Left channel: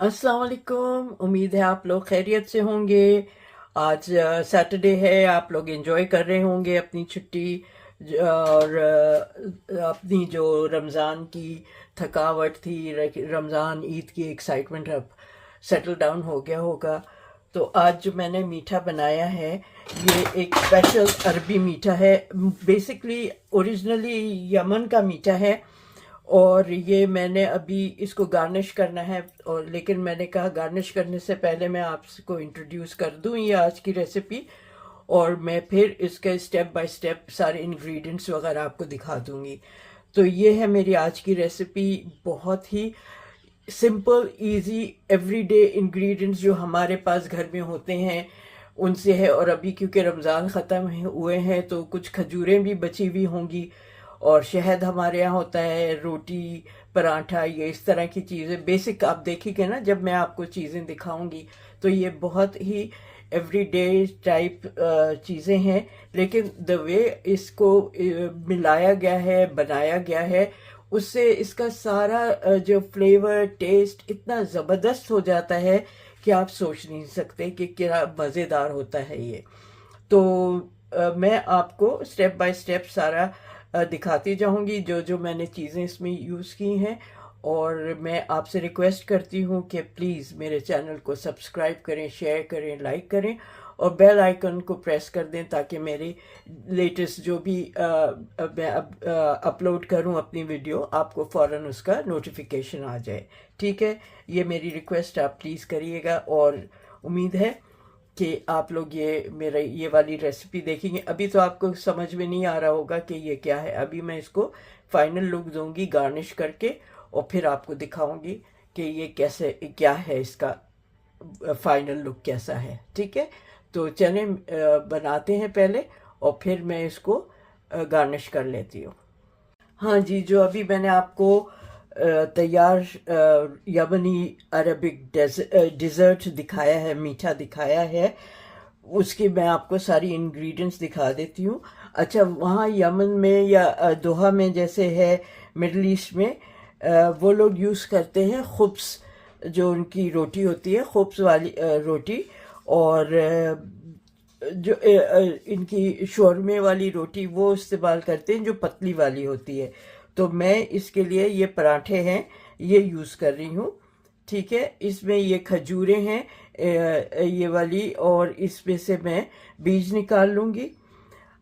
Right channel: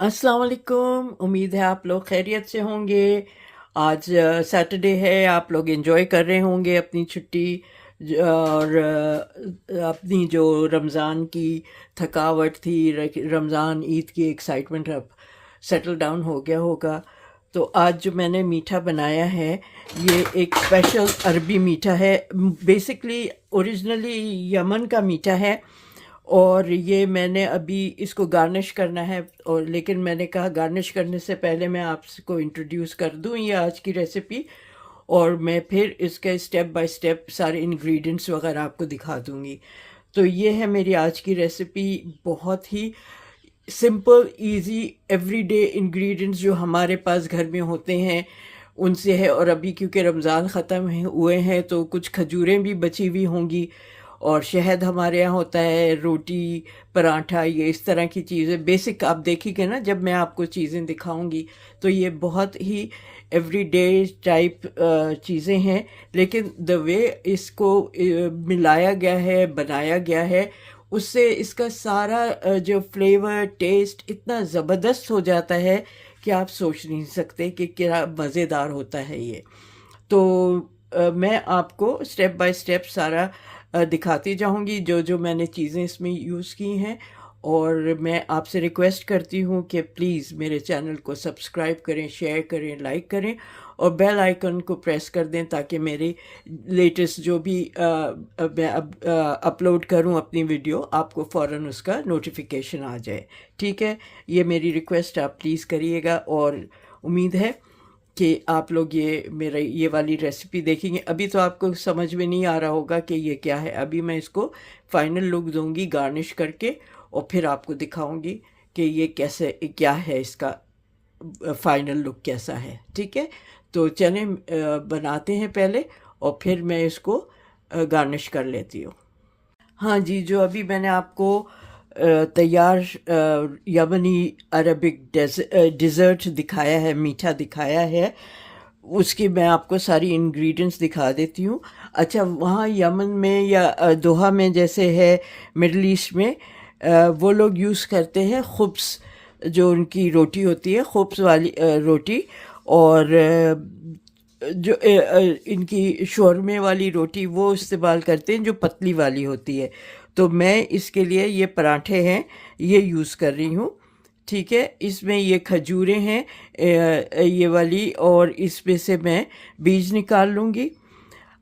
अस्सलाम वालेकुम। उम्मीद है आप लोग खैरियत से होंगे। आज सैटरडे है, आप लोग एंजॉय कर रहे होंगे अपनी छुट्टी और अपनी जो रमज़ान की थकावट थी, रमज़ान ईद की एक्साइटमेंट अब सेटल डाउन हो गया होगा। तो आज जो मैंने मीठा बनाया है, ये एक स्पेशल अरबी मीठा है। बेसिकली ओरिजिनली यमन का मीठा है और ये मैंने अभी इसको गार्निश करना है। और लेकिन मैंने कहा गार्निश करने से पहले मैं आपको इंट्रोड्यूस कर दूं ये आज की रेसिपी, और मैं फिर इसके स्टेप बाय स्टेप सारे इंग्रेडिएंट्स वगैरह आपको दिखा दूंगी। तो ये है मेरी आज की रेसिपी। बहुत ही सिंपल इजी एवरीडे इंग्रेडिएंट्स जो हमारे पास घर में होते हैं उनसे है। और अभी क्योंकि रमज़ान ख़त्म हुए हैं तो कुछ खजूरें भी बची हुई होंगी, और शहद हमारे यहाँ होता है, रोटी, पराठा, ये इस तरह की चीज़ें बेसिक आप देखिएगा ना जब मैं आपको चीज़ें दिखाऊंगी। तो ये बहुत ही एवरीडे टाइप चीज़ें हैं, लेकिन द वे इसको मिलाया गया है, बनाया गया है, उससे इसका सारा जो फ्लेवर टेस्ट इतना ज़बरदस्त हो जाता है कि आप सोच नहीं सकते कि क्या मज़ेदार होता है ये। तो मैं आपको स्टेप बाय स्टेप सारा दिखाती जाऊंगी जो जो मैंने चीज़ें इसमें यूज़ की हैं। और मैं आपसे रिक्वेस्ट करती हूँ कि प्लीज़ मेरे चैनल को सब्सक्राइब करें, शेयर करें, लाइक करें और बेल आइकन को प्रेस कर दें ताकि मेरी लेटेस्ट जो भी मैं अपलोड करूँ अपनी वीडियो, आपको फ़ौरन उसका नोटिफिकेशन आ जाए। ठीक है, ये मेरी रिक्वेस्ट आप प्लीज़ करिएगा। और उम्मीद है कि आप लोग ये मेरा ये वाली रेसिपी देखेंगे। अभी तो आपको समझ में नहीं आ रहा होगा कि ये क्या है। अभी मैं इसको फाइनल लुक दूंगी गार्निश करके और फिर आपको दिखाऊंगी कि ये कैसे क्या है, इसका फाइनल लुक कैसा है। ठीक है, तो चलें बनाते हैं पहले और फिर मैं इसको गार्निश कर लेती हूँ। हाँ जी, जो अभी मैंने आपको तैयार यमनी अरबिक डिज़र्ट दिखाया है, मीठा दिखाया है, उसकी मैं आपको सारी इंग्रेडिएंट्स दिखा देती हूँ। अच्छा, वहाँ यमन में या दोहा में जैसे है, मिडल ईस्ट में वो लोग यूज़ करते हैं खुब्स, जो उनकी रोटी होती है, खुब्स वाली रोटी। और जो इनकी शौरमे वाली रोटी वो इस्तेमाल करते हैं जो पतली वाली होती है। तो मैं इसके लिए ये पराठे हैं, ये यूज़ कर रही हूँ। ठीक है, इसमें ये खजूरें हैं ये वाली, और इसमें से मैं बीज निकाल लूँगी।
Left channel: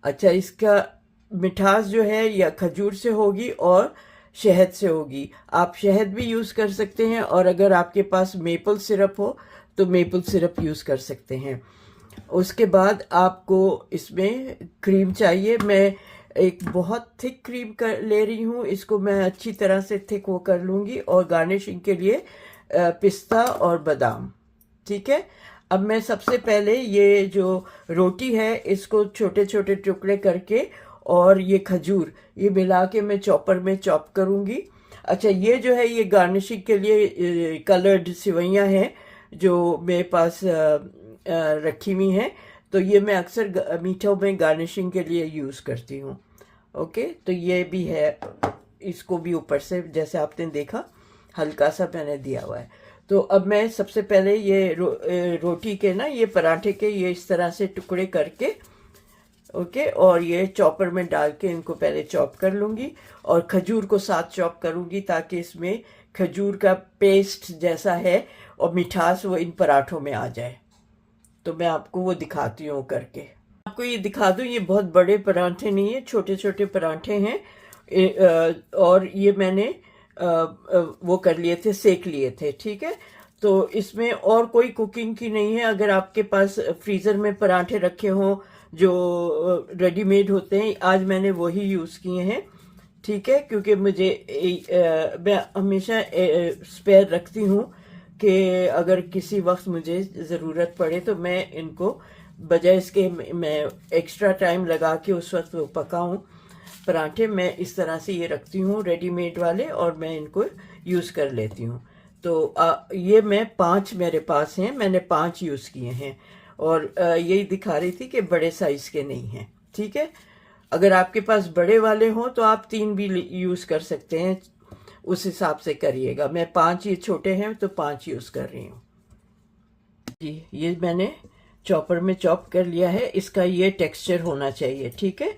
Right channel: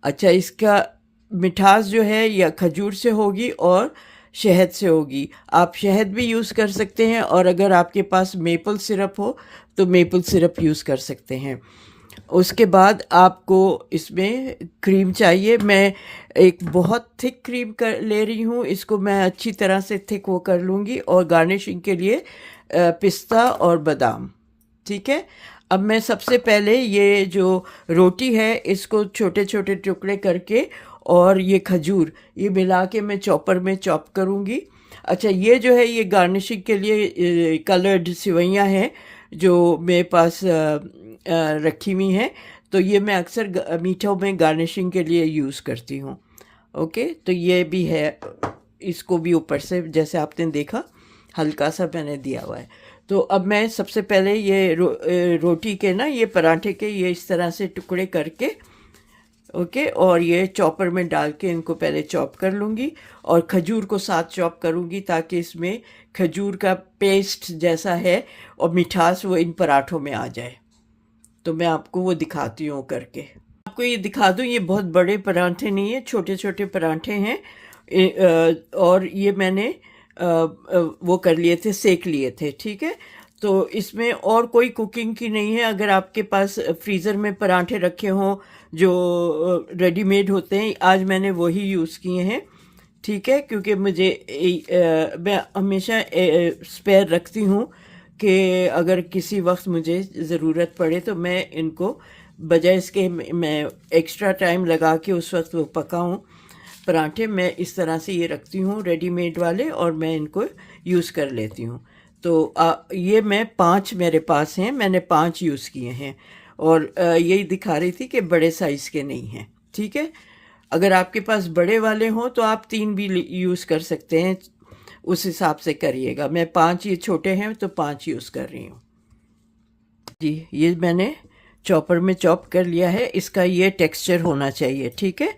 अच्छा, इसका मिठास जो है या खजूर से होगी और शहद से होगी। आप शहद भी यूज़ कर सकते हैं, और अगर आपके पास मेपल सिरप हो तो मेपल सिरप यूज़ कर सकते हैं। उसके बाद आपको इसमें क्रीम चाहिए। मैं एक बहुत थिक क्रीम कर ले रही हूँ, इसको मैं अच्छी तरह से थिक वो कर लूँगी। और गार्निशिंग के लिए पिस्ता और बादाम। ठीक है, अब मैं सबसे पहले ये जो रोटी है इसको छोटे छोटे टुकड़े करके और ये खजूर ये मिला के मैं चॉपर में चॉप करूँगी। अच्छा, ये जो है ये गार्निशिंग के लिए कलर्ड सिवैयाँ हैं जो मेरे पास रखी हुई हैं। तो ये मैं अक्सर मीठों में गार्निशिंग के लिए यूज़ करती हूँ। ओके, तो ये भी है, इसको भी ऊपर से जैसे आपने देखा हल्का सा मैंने दिया हुआ है। तो अब मैं सबसे पहले ये रोटी के ना, ये पराठे के ये इस तरह से टुकड़े करके, ओके, और ये चॉपर में डाल के इनको पहले चॉप कर लूँगी और खजूर को साथ चॉप करूँगी ताकि इसमें खजूर का पेस्ट जैसा है और मिठास वो इन पराठों में आ जाए। तो मैं आपको वो दिखाती हूँ करके। आपको ये दिखा दूँ, ये बहुत बड़े पराठे नहीं है, छोटे छोटे पराठे हैं। और ये मैंने वो कर लिए थे, सेक लिए थे। ठीक है, तो इसमें और कोई कुकिंग की नहीं है। अगर आपके पास फ्रीज़र में पराठे रखे हों जो रेडीमेड होते हैं, आज मैंने वही यूज़ किए हैं। ठीक है, क्योंकि मुझे मैं हमेशा स्पेयर रखती हूँ कि अगर किसी वक्त मुझे ज़रूरत पड़े तो मैं इनको बजाय इसके मैं एक्स्ट्रा टाइम लगा के उस वक्त वो पकाऊँ पराठे, मैं इस तरह से ये रखती हूँ रेडीमेड वाले और मैं इनको यूज़ कर लेती हूँ। तो ये मैं 5 मेरे पास हैं, मैंने 5 यूज़ किए हैं। और यही दिखा रही थी कि बड़े साइज़ के नहीं हैं। ठीक है, अगर आपके पास बड़े वाले हों तो आप 3 भी यूज़ कर सकते हैं, उस हिसाब से करिएगा। मैं 5 ये छोटे हैं तो 5 यूज़ कर रही हूँ जी। ये मैंने चॉपर में चॉप कर लिया है। इसका ये टेक्सचर होना चाहिए, ठीक है,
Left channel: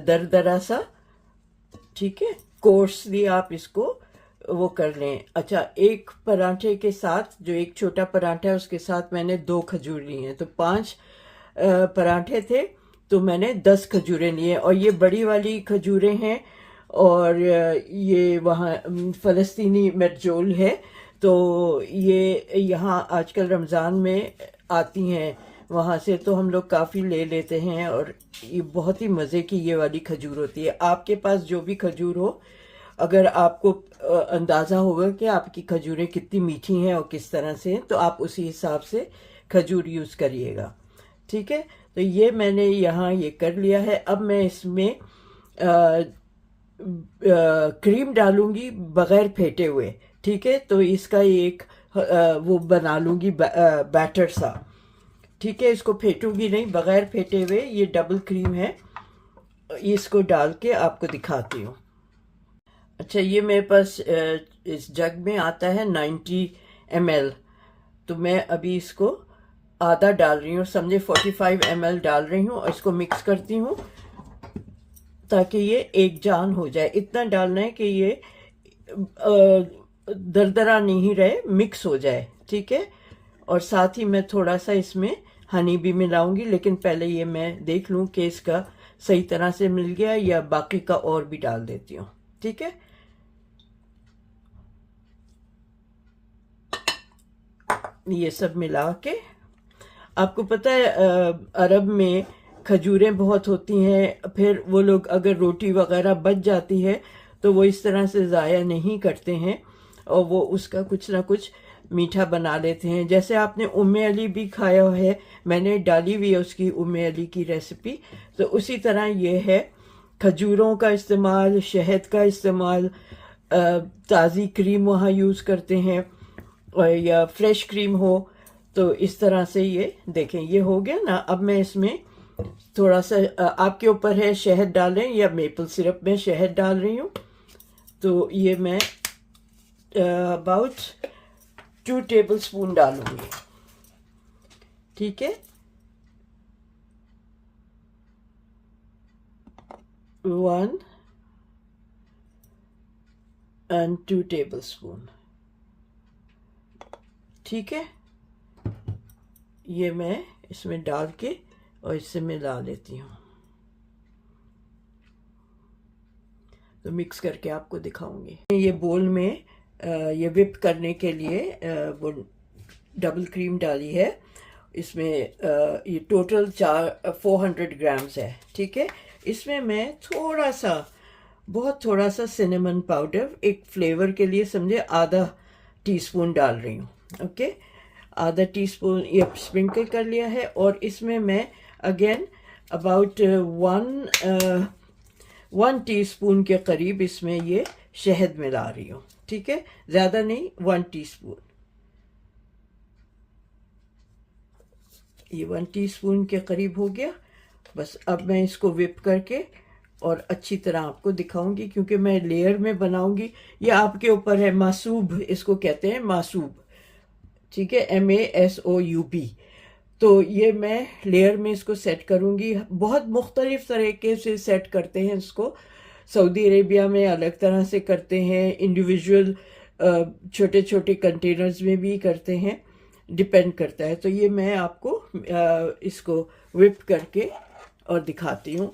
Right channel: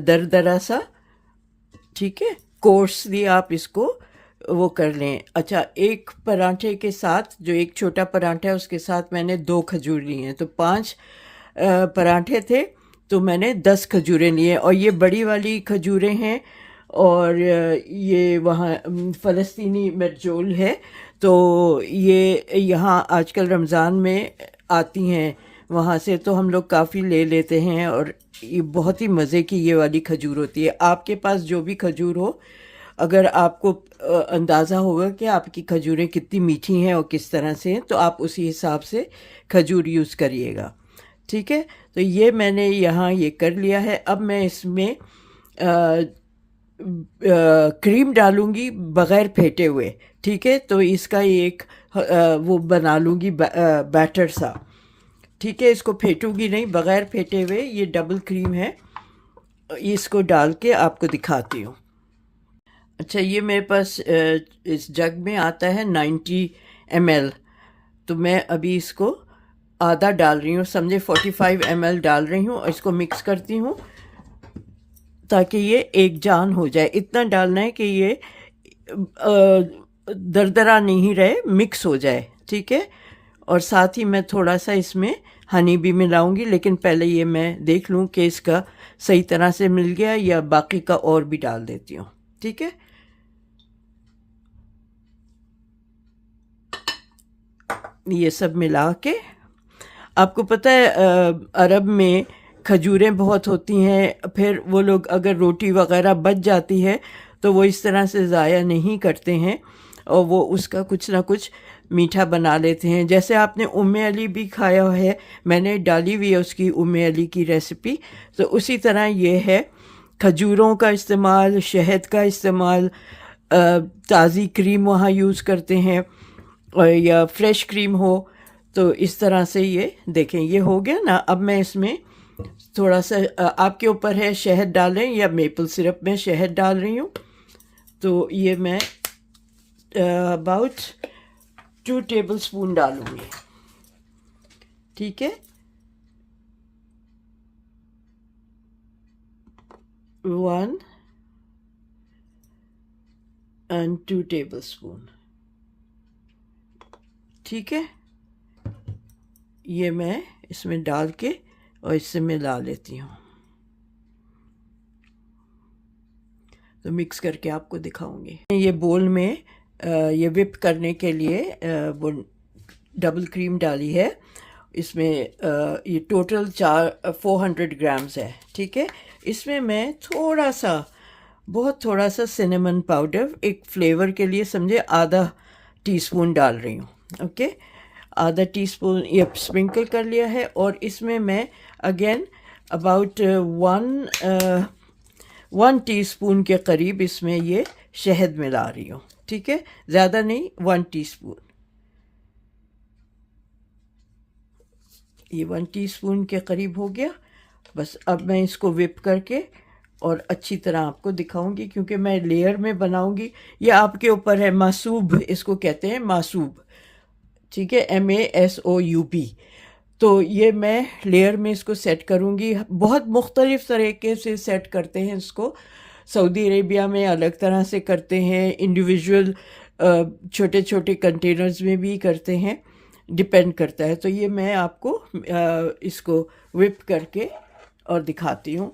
दरदरा सा, ठीक है, कोर्सली आप इसको वो कर लें। अच्छा, एक पराठे के साथ, जो एक छोटा पराठा है उसके साथ मैंने 2 खजूर लिए हैं, तो 5 पराठे थे तो मैंने 10 खजूरें लिए। और ये बड़ी वाली खजूरें हैं, और ये वहाँ फ़लस्तीनी मेरजोल है, तो ये यहाँ आजकल रमज़ान में आती हैं वहाँ से, तो हम लोग काफ़ी ले लेते हैं, और ये बहुत ही मज़े की ये वाली खजूर होती है। आपके पास जो भी खजूर हो, अगर आपको अंदाज़ा होगा कि आपकी खजूरें कितनी मीठी हैं और किस तरह से हैं, तो आप उसी हिसाब से खजूर यूज़ करिएगा, ठीक है। तो ये मैंने यहाँ ये कर लिया है। अब मैं इसमें क्रीम डालूंगी बग़ैर फेंटे हुए, ठीक है। तो इसका एक वो बना लूँगी बैटर सा, ठीक है। इसको फेंटूंगी नहीं, बग़ैर फेंटे हुए। ये डबल क्रीम है, इसको डाल के आपको दिखाती हूँ। अच्छा, ये मेरे पास इस जग में आता है 90 ml, तो मैं अभी इसको आधा डाल रही हूँ, समझे 45 ml डाल रही हूँ, और इसको मिक्स करती हूँ ताकि ये एक जान हो जाए। इतना डालना है कि ये दरदरा नहीं रहे, मिक्स हो जाए, ठीक है। और साथ ही मैं थोड़ा सा इसमें हनी भी मिलाऊंगी, लेकिन पहले ये मैं देख लूँ कि इसका सही तरह से मिल गया, या बाकी का और भी डाल देती हूँ, ठीक है। ये सब मिला के, आपको पता है अरब में खजूरें बहुत होती हैं, फिर वो लोग अगर रोटी वगैरह बच जाती है तो वो इस तरह से ज़ाया नहीं करते हैं, और वो उसका कुछ ना कुछ मीठा बना लेते हैं। जैसे आपने उम्मे अली भी खाया है, मैंने डाली हुई है उसकी उम्मे अली की रेसिपी, तो उसी तरह ये है। खजूरों का इस्तेमाल, शहद का इस्तेमाल, ताज़ी क्रीम वहाँ यूज़ करते हैं, और या फ्रेश क्रीम हो, तो इस तरह से ये देखें, ये हो गया ना। अब मैं इसमें थोड़ा सा, आपके ऊपर है, शहद डालें या मेपल सिरप में शहद डाल रही हूँ। तो ये मैं अबाउट 2 टेबलस्पून डालूँगी, ठीक है। 1 and 2 टेबलस्पून, ठीक है। ये मैं इसमें डाल के और इससे मिला लेती हूँ, तो मिक्स करके आपको दिखाऊंगी। ये बोल में ये विप करने के लिए वो डबल क्रीम डाली है। इसमें ये टोटल 400 ग्राम्स है, ठीक है। इसमें मैं थोड़ा सा, बहुत थोड़ा सा सिनेमन पाउडर, एक फ्लेवर के लिए समझे, आधा टीस्पून डाल रही हूँ, ओके। आधा टीस्पून ये स्प्रिंकल कर लिया है। और इसमें मैं अगेन अबाउट 1 टीस्पून के करीब इसमें ये शहद मिला रही हूँ, ठीक है, ज़्यादा नहीं, 1 टीस्पून। ये 1 टीस्पून के करीब हो गया। बस अब मैं इसको विप करके और अच्छी तरह आपको दिखाऊंगी, क्योंकि मैं लेयर में बनाऊंगी। ये आपके ऊपर है, मासूब इसको कहते हैं, मासूब, ठीक है, MASOUB। तो ये मैं लेयर में इसको सेट करूंगी। बहुत मुख्तलिफ तरीके से सेट करते हैं इसको, सऊदी अरेबिया में अलग तरह से करते हैं, इंडिविजुअल छोटे छोटे कंटेनर्स में भी करते हैं, डिपेंड करता है। तो ये मैं आपको इसको विप करके और दिखाती हूँ,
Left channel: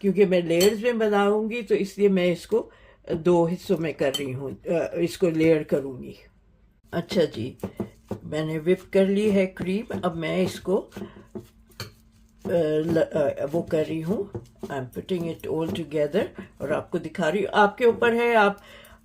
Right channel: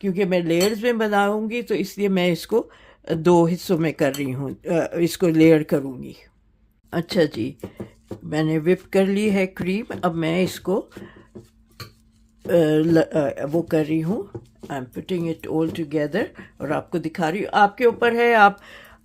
क्योंकि मैं लेयर्स में बनाऊंगी, तो इसलिए मैं इसको 2 हिस्सों में कर रही हूँ, इसको लेयर करूँगी। अच्छा जी, मैंने विप कर ली है क्रीम। अब मैं इसको वो कर रही हूँ, I am putting it all together, और आपको दिखा रही हूँ। आपके ऊपर है, आप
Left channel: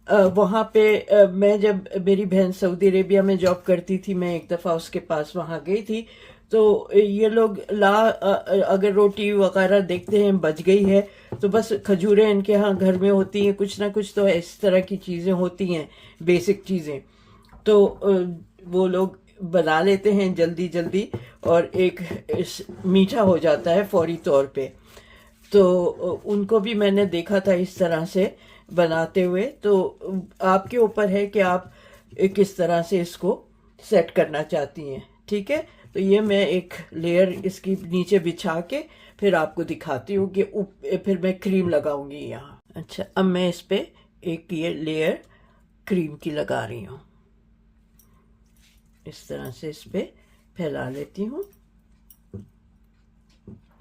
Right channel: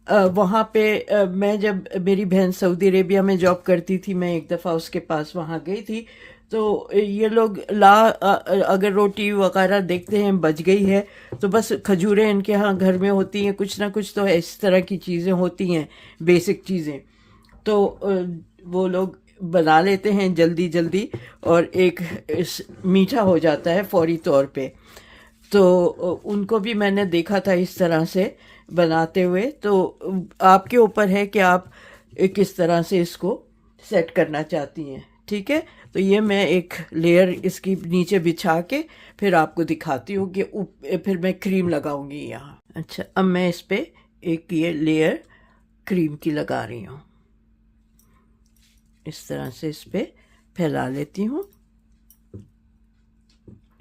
वहाँ पे मैं जब मेरी बहन सऊदी अरेबिया में जॉब करती थी, मैं एक दफ़ा उसके पास वहाँ गई थी, तो ये लोग अगर रोटी वगैरह देखते हैं बच गई है, तो बस खजूरें इनके यहाँ घर में होती हैं, कुछ ना कुछ तो इस तरह की चीज़ें होती हैं, बेसिक चीज़ें, तो वो लोग बना लेते हैं जल्दी जल्दी, और एक मीठा हो जाता है फौरी तौर पे। तो उनको भी मैंने देखा था इस तरह से बनाते हुए, तो आपके ऊपर है कि आप किस तरह से इसको सेट करना चाहती हैं। ठीक है, तो ये मैं एक लेयर इसकी नीचे बिछा के फिर आपको दिखाती हूँ कि फिर मैं क्रीम लगाऊंगी यहाँ। अच्छा, अब मैं इस पे एक ये लेयर क्रीम की लगा रही हूँ। इस तरह से इस पे फैला लेती हूँ।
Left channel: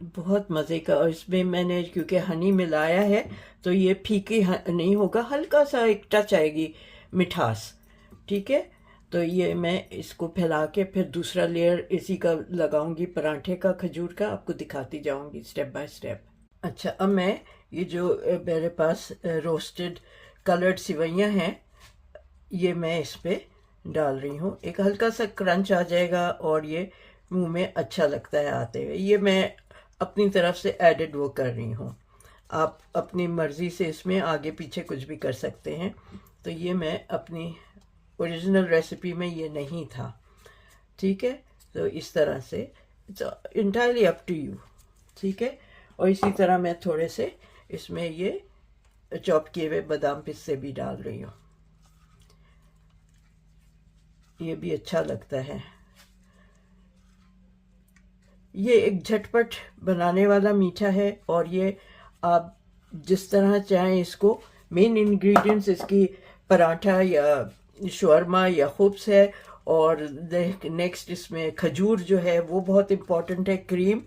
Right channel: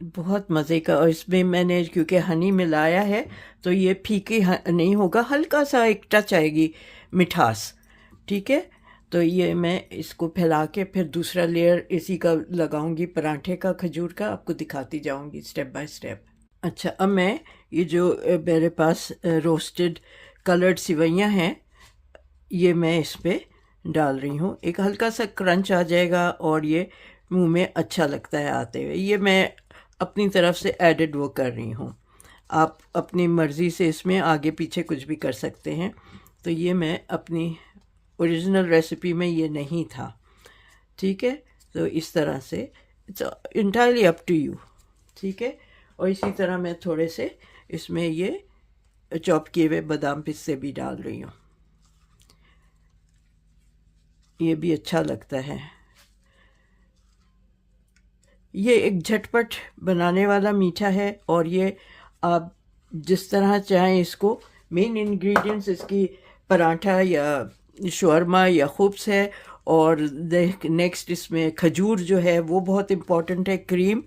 बहुत मज़े का, और इसमें मैंने क्योंकि हनी मिलाया है तो ये फीकी नहीं होगा, हल्का सा एक टच आएगी मिठास। ठीक है, तो ये मैं इसको फैला के फिर दूसरा लेयर इसी का लगाऊंगी, पराठे का, खजूर का, आपको दिखाती जाऊंगी स्टेप बाय स्टेप। अच्छा, अब मैं ये जो मेरे पास रोस्टेड कलर्ड सिवैयाँ हैं, ये मैं इस पे डाल रही हूँ। एक हल्का सा क्रंच आ जाएगा और ये मुंह में अच्छा लगता है आते हुए। ये मैं अपनी तरफ से एडेड वो कर रही हूँ, आप अपनी मर्ज़ी से इसमें आगे पीछे कुछ भी कर सकते हैं। तो ये मैं अपनी ओरिजिनल रेसिपी में ये नहीं था। ठीक है, तो इस तरह से it's entirely up to you. ठीक है, और इसी तरह मैं थोड़े से इसमें ये चॉप किए हुए बादाम पिस्ते भी डाल रही हूँ, ये भी अच्छा लगता है। ये एक झटपट बनाने वाला मीठा है, और ये आप जिस तरह चाहें इसको, मेन इंग्रेडिएंट्स इसकी पराठा या शवरमा या खुब्स है, और नेक्स्ट इसमें खजूर जो है वो बहुत इम्पॉर्टेंट है, क्रीम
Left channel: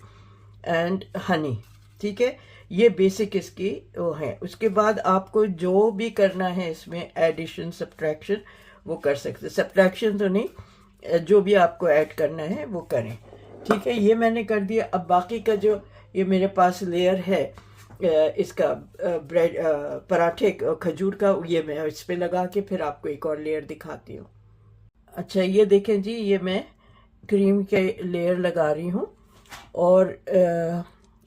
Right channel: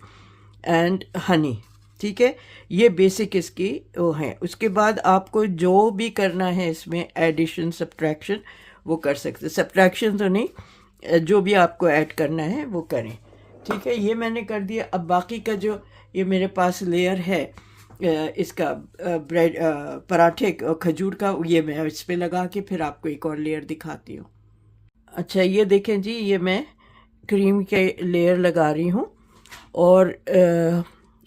एंड हनी। ठीक है, ये बेसिक इसकी वो है। उसके बाद आपको जो भी करना है इसमें एडिशन सब्ट्रैक्शन वो कर सकते, सब्ट्रैक्शन तो नहीं, जो भी आपको ऐड करना है वो करें। ठीक है, ये मैंने कर दिया। अब बाकी का जो ये मेरे पास लेयर है इसका ब्रेड पराठे खजूर का, ये मैं इस पे लगा के फिर आपको एक और लेयर दिखाती हूँ। अच्छा, ये देखें जी, ये मैं क्रीम के लेयर लगा रही हूँ, और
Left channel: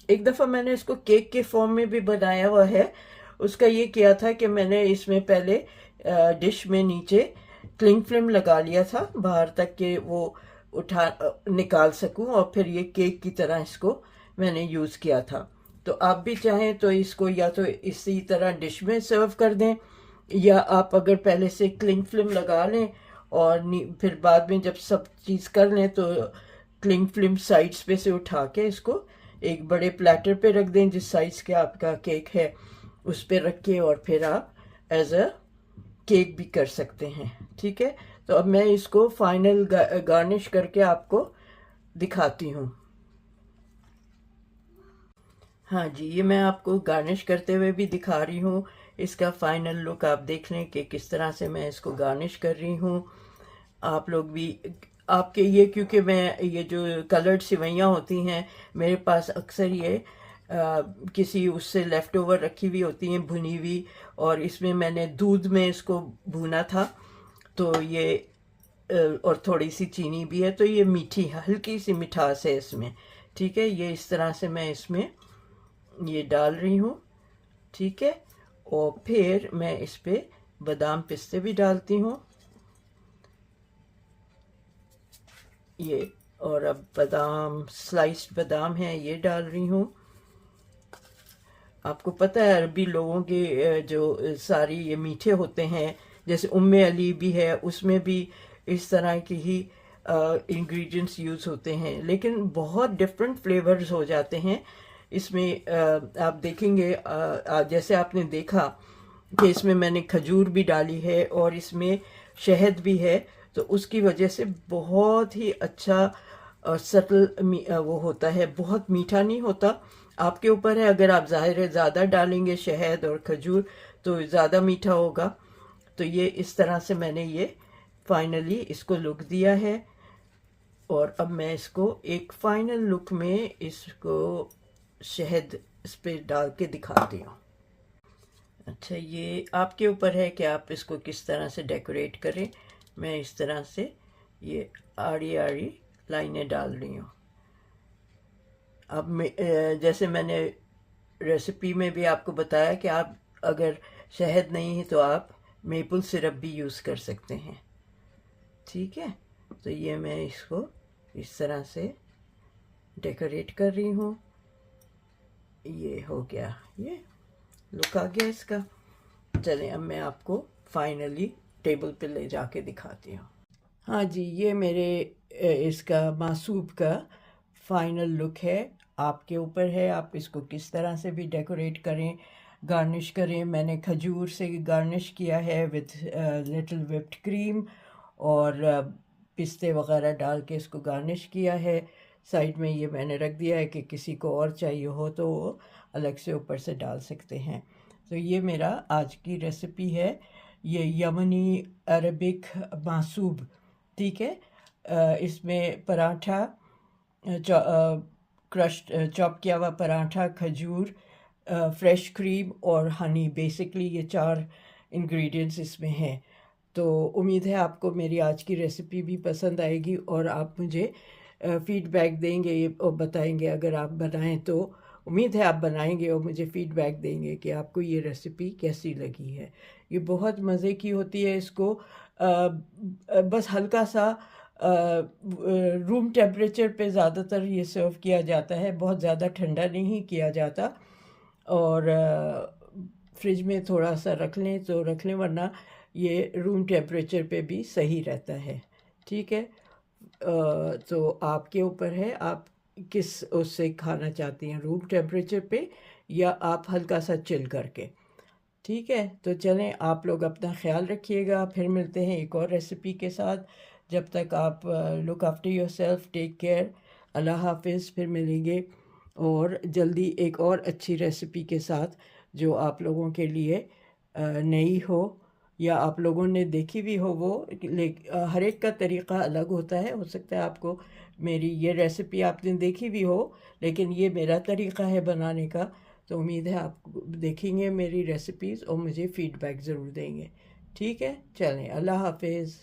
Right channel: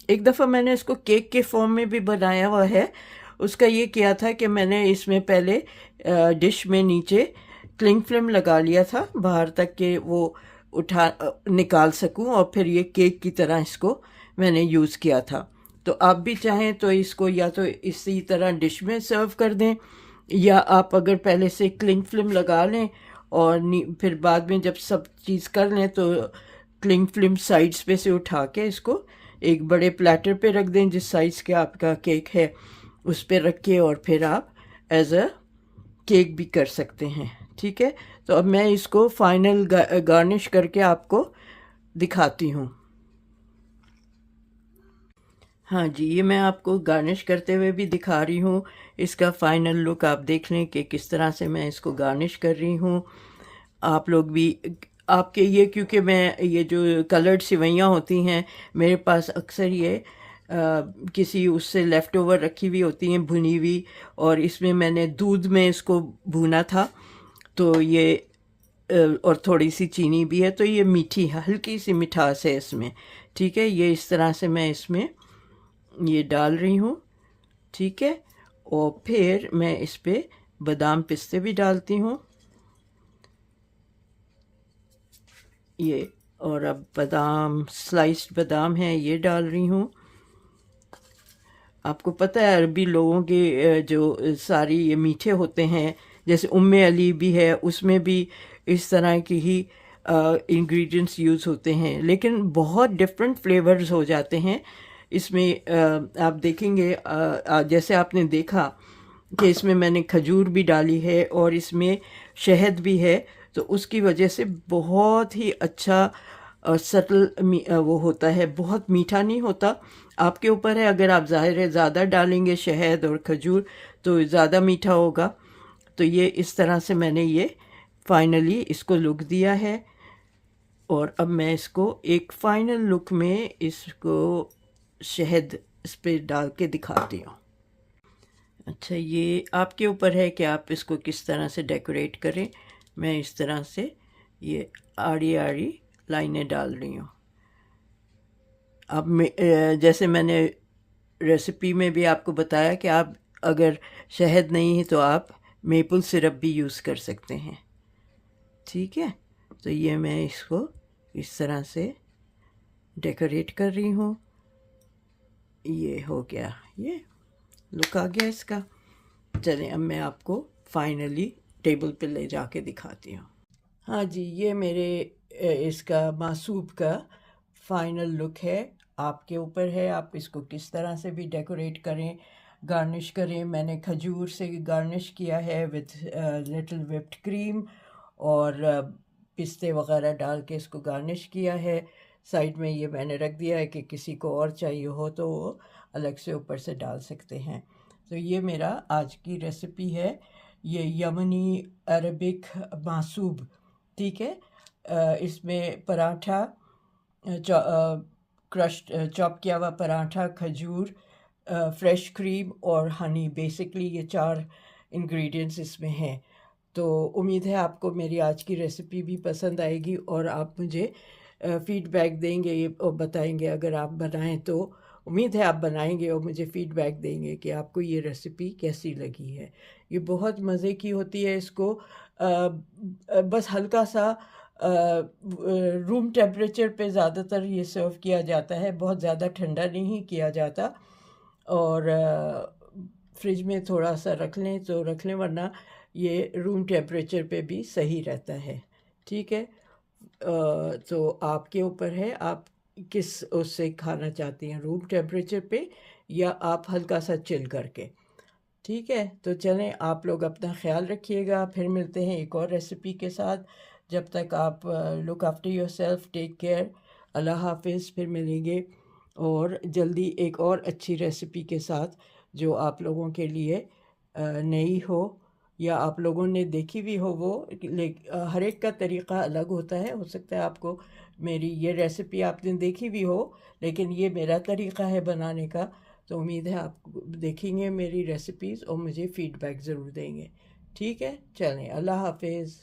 एक दफ़ा मैंने इसको केक के फॉर्म में भी बनाया हुआ है। उसका ये किया था कि मैंने इसमें पहले डिश में नीचे क्लिंग फिल्म लगा लिया था बाहर तक कि वो निकाल सकूं, और फिर ये केक की तरह इसको मैंने यूज़ किया था। तो आप भी चाहें तो इसको या तो इसी तरह डिश में सर्व कर दें, या आप अगर पहले से क्लिंग फिल्म लगा लें और फिर बाद में जब सब चीज़ कर लें तो क्लिंग फिल्म साइड्स पे से उठा के इसको एक बड़े प्लेटर पे रख दें, जिस साइज़ के आपका केक है उस पे रख के, और फिर आप एज अ केक भी कर सकते हैं। ठीक है, तो अब मैं इसको फाइनल गार्निश करके आपको दिखाती हूँ। हाँ जी, ये मैं आपको गार्निश करते हुए भी दिखा रही हूँ। इसका फाइनल लुक आप देख लें कि किस तरह से मैं इसको गार्निश कर रही हूँ। आप लोग भी आपके ये, क्योंकि मैं ये जो कलर्ड सिवैयाँ होती हैं मेरे पास अक्सर ये किसी उससे लेफ़्ट ओवर रखी हुई होती हैं भुनी हुई, और इसमें मैंने दूध में इसको भूना था, तो ये और थोड़ी सी चीनी भी है, तो ये मीठी हल्की सी मिठास है इसमें। ठीक है, ये इस तरह से मैं इसमें ये डाल रही हूँ। ठीक है, और फिर मैं इस पे बादाम पिस्ते भी डालती हूँ ये, और अब बादाम, स्लाइस्ड बादाम है, ये डाल रही हूँ। आपको पता है अरबी लोगों के जो सारी ये मीठे होते हैं, जैसे उम्मे अली भी है, उसमें भी इस तरह की ही इंग्रेडिएंट्स यूज़ होते हैं, लेकिन बहुत डिफरेंट फ्लेवर्स हो जाते हैं इसमें। आप देखेंगे जैसे आपने देखा कि इसमें मैंने खजूर भी डाली है और इसमें शहद भी है, तो उसकी वजह से बहुत ही अच्छा सटल वो होता है, बहुत मीठा नहीं होता। आपके ऊपर है, अगर आप ज़ाहिर है ज़्यादा डालेंगे शहद और खजूर तो ज़्यादा मीठा होगा। तो ये इस तरह से मैंने ये फाइनली इसको लुक दिया है, और अब मैं इसको एक फाइनल लुक में इसको शहद इस पर डाल के दिखाती हूँ। अच्छा, ये आपके ऊपर है कि आप इसको किस तरह से डेकोरेट करें। मैं इस तरह से ये आड़ी आड़ी लाइनें डाल रही हूँ। अब जैसे मैंने रेसिपी में भी आपको बताया कि आप अगर शहद नहीं है तो आप मेपल सिरप भी यूज़ कर सकते हैं। ठीक है, तो ये मैं इसको इस तरह से डेकोरेट कर रही हूँ। ये हो गया, ये लुक आ गया इसका। चलें अब मैं आपको फाइनली टेबल पे ले जाके दिखाती हूँ। हाँ जी, ये मेरे इसका मासूब का फाइनल लुक है। आपके ऊपर है, आप इसको किस तरह से भी डेकोरेट करें, गार्निश करें। मैंने खजूर से गार्निश किया है विथ लिटिल व्हिप्ड क्रीम और पिस्ते वगैरह डाल के इसको गार्निश किया है। साइड में ये मैंने रख दिया है कि किसी को और चाहिए हो तो वो अलग से ऊपर से डाल सकते हैं। तो ये मेरा आज की रेसिपी है, ये यमनी अरबिक मासूब। ठीक है, इसमें पराठा, क्रश्ड चॉप किया हुआ पराठा, खजूर, फ्रेश क्रीम और हनी, बेसिकली ये 4 इंग्रेडिएंट्स इसमें हैं। तो उम्मीद है आपको मेरी आज की रेसिपी भी पसंद आएगी और आप मुझे फीडबैक देंगे और बताएंगे। अगर आप बनाएं तो उम्मीद है आप बनाएंगे और मुझे फीडबैक देंगे कि आपको ये रेसिपी कैसी लगी है। ये बहुत मज़े की होती है। इसको बस हल्का सा रूम टेम्परेचर पे ज़्यादातर ये सर्व किया जाता है, बहुत ज़्यादा ठंडा नहीं किया जाता। और फ्रिज में थोड़ा सा रख लें तो रख लें, वरना ये रूम टेम्परेचर पे भी सही रहता है। ठीक है, तो आपके ऊपर है आप किस उससे खाना चाहती हैं, रूम टेम्परेचर पे या आप हल्का सा चिल करके। ठीक है, तो चलें, आप लोग अपना ख्याल रखिएगा। फिर मिलते हैं एक और रेसिपी के साथ। जब तक आप look after yourself, take care, अल्लाह हाफिज़। फिर मिलेंगे और जल्दी एक और अच्छी रेसिपी के साथ जो आप लोगों के लिए नई हो या आप लोगों ने देखी भी हो वो। हर एक का तरीक़ा अलग होता है। हो सकता है आपको मेरी ये रेसिपी आपने देखी भी हो, लेकिन ये मेरा तरीक़ा है बनाने का। तो उम्मीद है आप देखेंगे मेरी रेसिपीज़ और मुझे फ़ीडबैक ज़रूर देंगे। ठीक है, चलें, अल्लाह हाफिज़।